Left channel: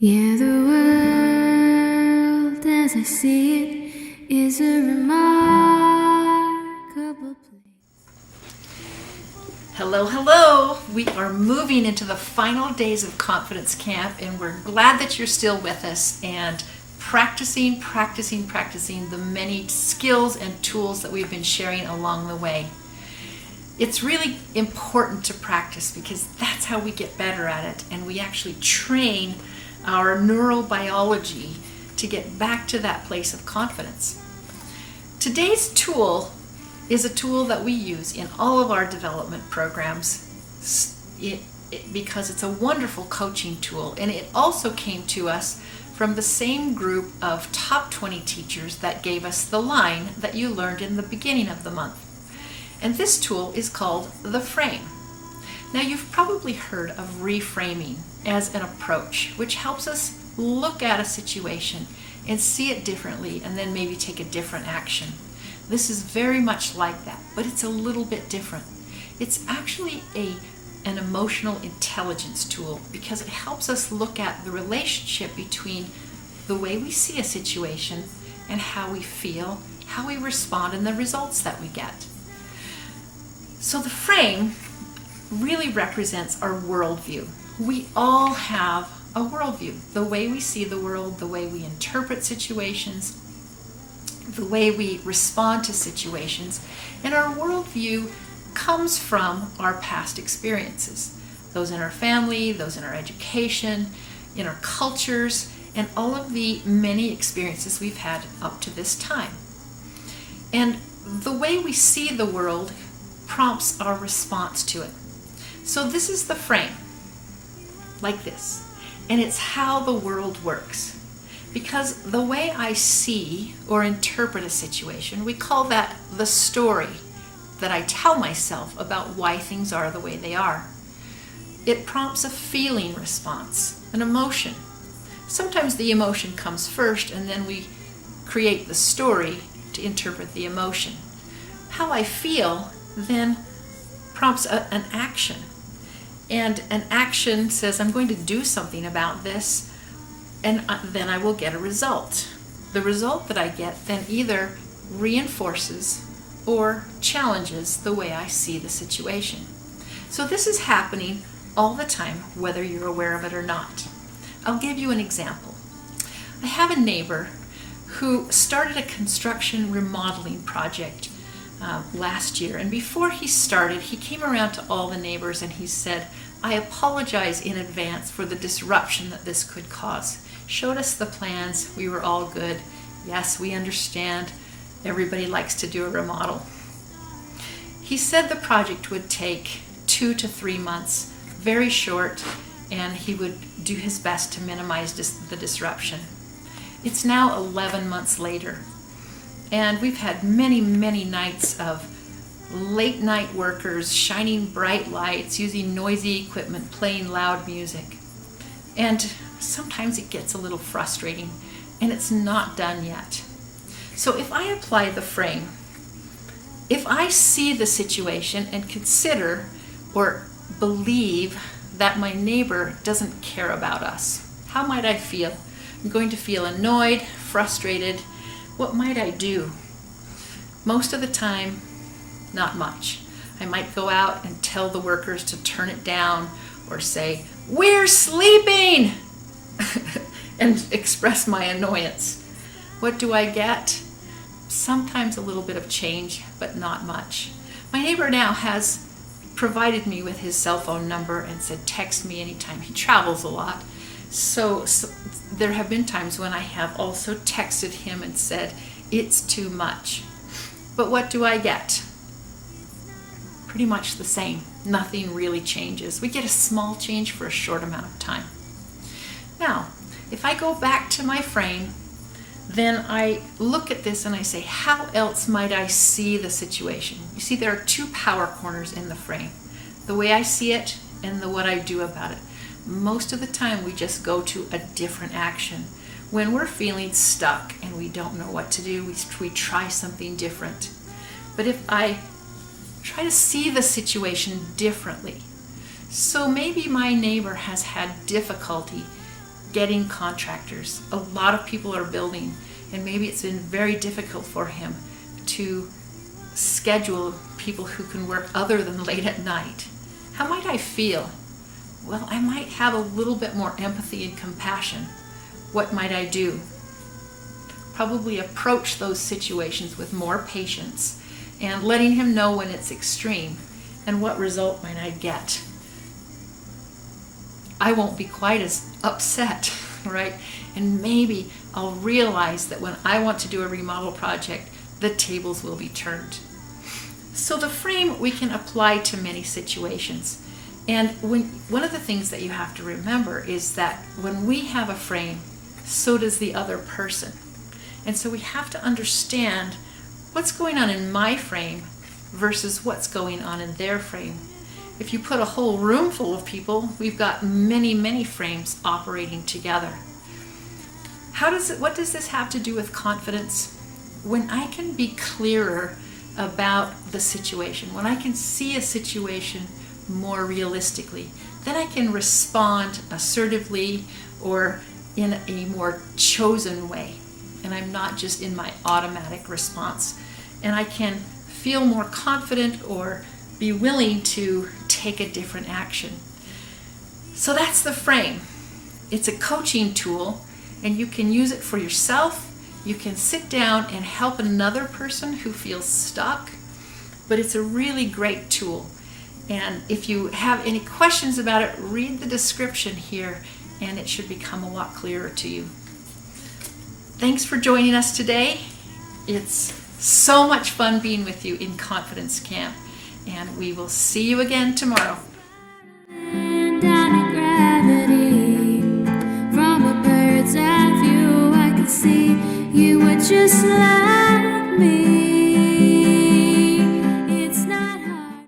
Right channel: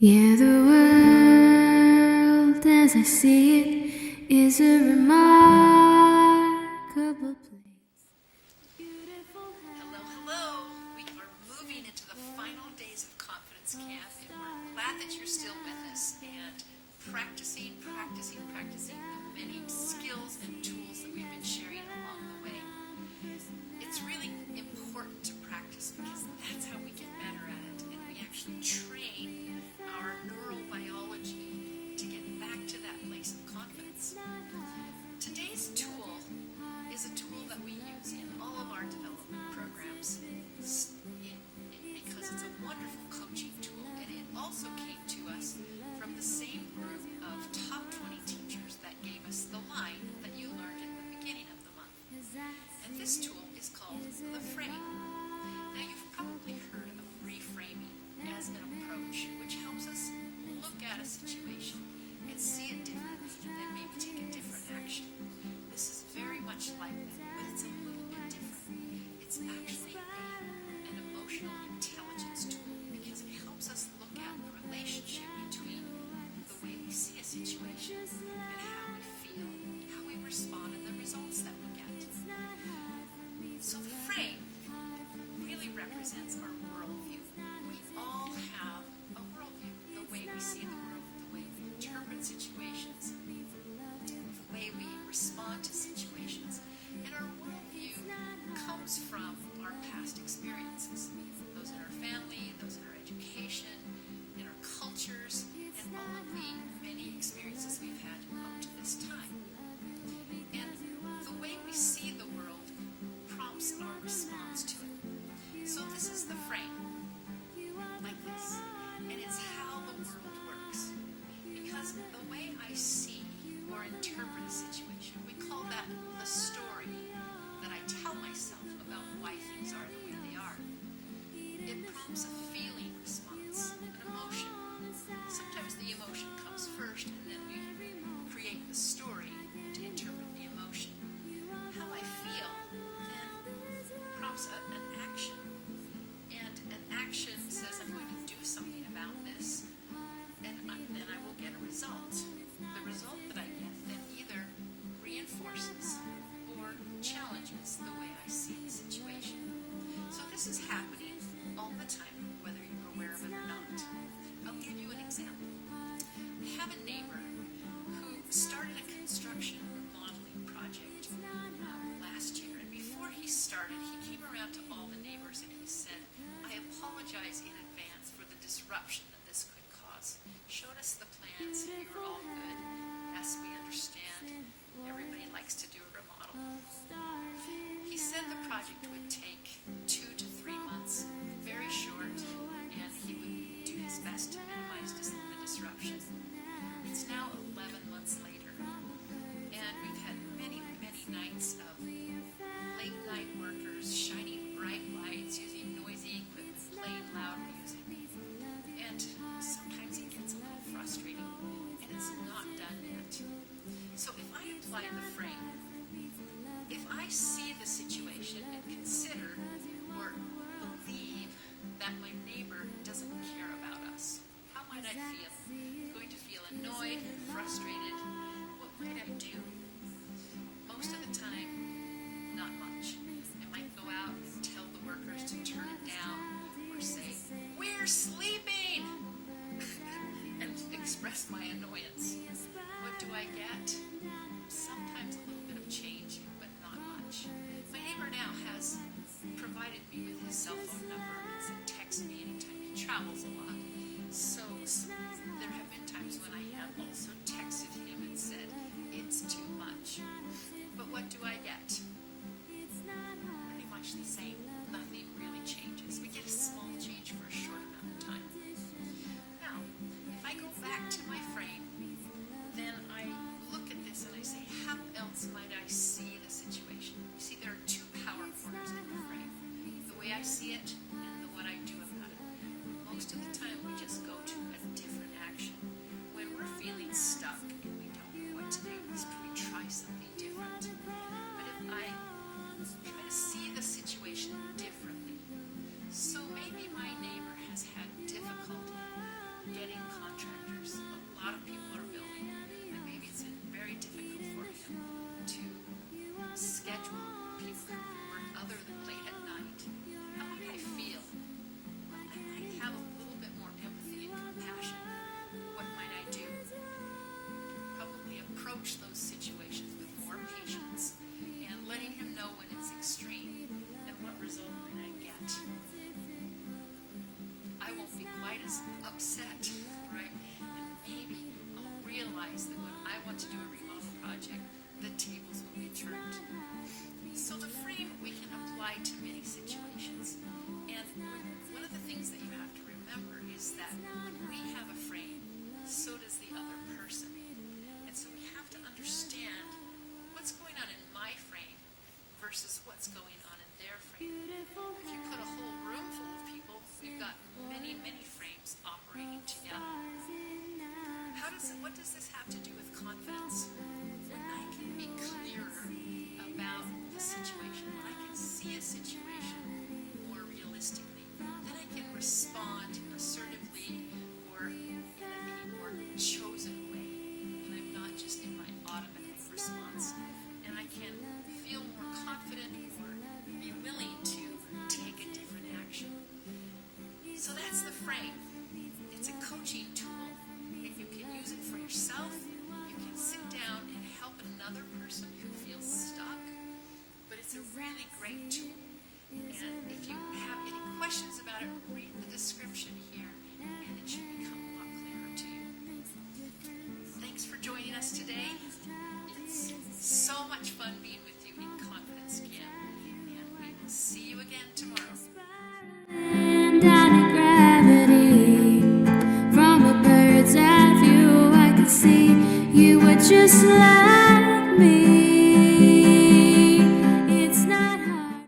Yeah, the world as I see it is a remarkable place. Hello, hello. We are moving into the final days of Confidence Camp, and we're glad that you're still with us and practicing the many skills and tools that we've been sharing along the way. It's really important to practice because that's how we get better at it, and we actually train our neurobiology to get back to that place of confidence. Today's tool is a tool that we use in all of our development programs because it's a wonderful coaching tool, and it also came to us from the same group of top 20 teachers that gave us the line that you learned in the beginning of the month. And this tool is called the frame. Now, you've probably heard of reframing as an approach, which helps us look at a situation and see it differently and then maybe take a different action. This is very much like that, but it's a little bit different. It's actually an emotional intelligence tool because it helps us look at the relationship between the way we see a situation and how we feel, how we respond, and the results that we get. So the frame really represents our worldview. We all have a worldview. The way we see the world, the way we interpret situations, the way we respond to situations, and our worldview comes from our past experiences. Those in our family, those in our education, in our cultures, and all of the many experiences we've had up to this time. And the way we see the world prompts our response to it. So this is the frame, like this, and it's how the world works. Because the way I see or interpret a situation, we call that the story that I tell myself about why things are the way they are. It prompts a feeling response, an emotion. Sometimes the emotion comes first, and then we create the story to interpret the emotion. How I feel then prompts an action. And an action says, I'm going to do something about this, and then I will get a result. The result that I get then either reinforces or challenges the way I see the situation. So this is happening all the time, whether you're aware of it or not. I'll give you an example. I have a neighbor who started a construction remodeling project last year, and before he started, he came around to all the neighbors and he said, I apologize in advance for the disruption that this could cause. Showed us the plans, we were all good. Yes, we understand, everybody likes to do a remodel. He said the project would take 2 to 3 months, very short, and he would do his best to minimize the disruption. It's now 11 months later, and we've had many nights of late night workers shining bright lights, using noisy equipment, playing loud music. And sometimes it gets a little frustrating, and it's not done yet. So if I apply the frame, if I see the situation and consider or believe that my neighbor doesn't care about us, how might I feel? I'm going to feel annoyed, frustrated. What might I do? Most of the time, not much. I might go out and tell the workers to turn it down or say, we're sleeping, and express my annoyance. What do I get? Sometimes a little bit of change, but not much. My neighbor now has provided me with his cell phone number and said, text me anytime. He travels a lot. So there have been times when I have also texted him and said, it's too much. But what do I get? Pretty much the same. Nothing really changes. We get a small change for a short amount of time. Now, if I go back to my frame, then I look at this and I say, how else might I see the situation? You see, there are 2 power corners in the frame. The way I see it and what I do about it. Most of the time we just go to a different action. When we're feeling stuck and we don't know what to do, we try something different. But if I try to see the situation differently, so maybe my neighbor has had difficulty getting contractors. A lot of people are building, and maybe it's been very difficult for him to schedule people who can work other than late at night. How might I feel? Well, I might have a little bit more empathy and compassion. What might I do? Probably approach those situations with more patience and letting him know when it's extreme and what result might I get. I won't be quite as upset, right? And maybe I'll realize that when I want to do a remodel project, the tables will be turned. So the frame we can apply to many situations. And one of the things that you have to remember is that when we have a frame, so does the other person. And so we have to understand what's going on in my frame versus what's going on in their frame. If you put a whole room full of people, we've got many, many frames operating together. What does this have to do with confidence? When I can be clearer about the situation, when I can see a situation more realistically, then I can respond assertively or in a more chosen way. And I'm not just in my automatic response. And I can feel more confident or be willing to take a different action. So that's the frame. It's a coaching tool, and you can use it for yourself. You can sit down and help another person who feels stuck, but it's a really great tool. And if you have any questions about it, read the description here, and it should become a lot clearer to you. Thanks for joining us today. It's so much fun being with you in Confidence Camp, and we will see you again tomorrow. And down in gravity, from a bird's eye view, I could see you were just like me.